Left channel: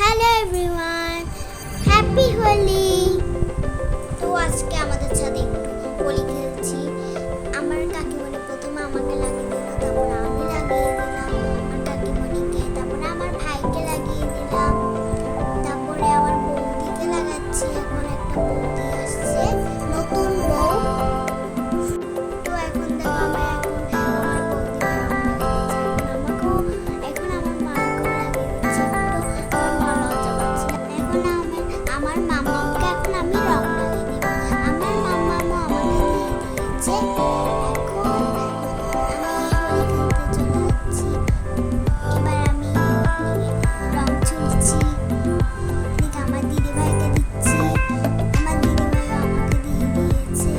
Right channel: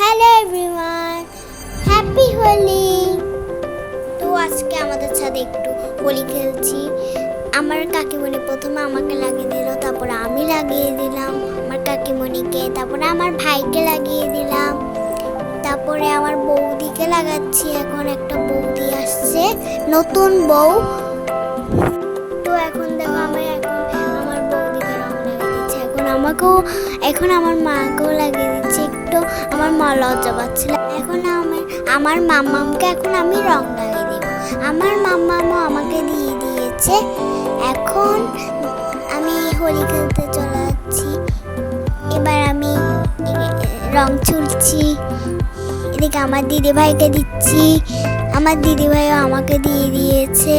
Hello everyone, happy Holi. তো আজকে আমাদের সাথে একটু হোলি খেলছি। আমার কাকিমণি প্রথমে আমাকে লাগিয়ে দিল, তারপরে আমি লাগিয়ে দিলাম আমার কাকিমণিকে, তারপরে আমার ভাইকে লাগিয়ে দিলাম, তারপরে আমার বৌদিকে লাগাচ্ছি। এখন একটা বৌদি আসছে, নতুন বউ। তো এখন দেখো আমি আমার বৌদিকে লাগিয়ে দিচ্ছি। এখন আমার মাকেও লাগিয়ে দিচ্ছি। একটু আমার মা লজ্জা পাচ্ছিল। এখন আমার মাম্মামকে এখন আমি রং লাগিয়ে দিব। আমার মাম্মামও আমাকে দিয়ে দিয়েছে। এখন আমি হোলি খেলতে চলে যাচ্ছি। এবার আমি রং চুলছি। এদিকে আমার দিদি ভাইকে দিচ্ছি, আমার দিদি ভাইও আমাকে দিয়ে দিয়েছে।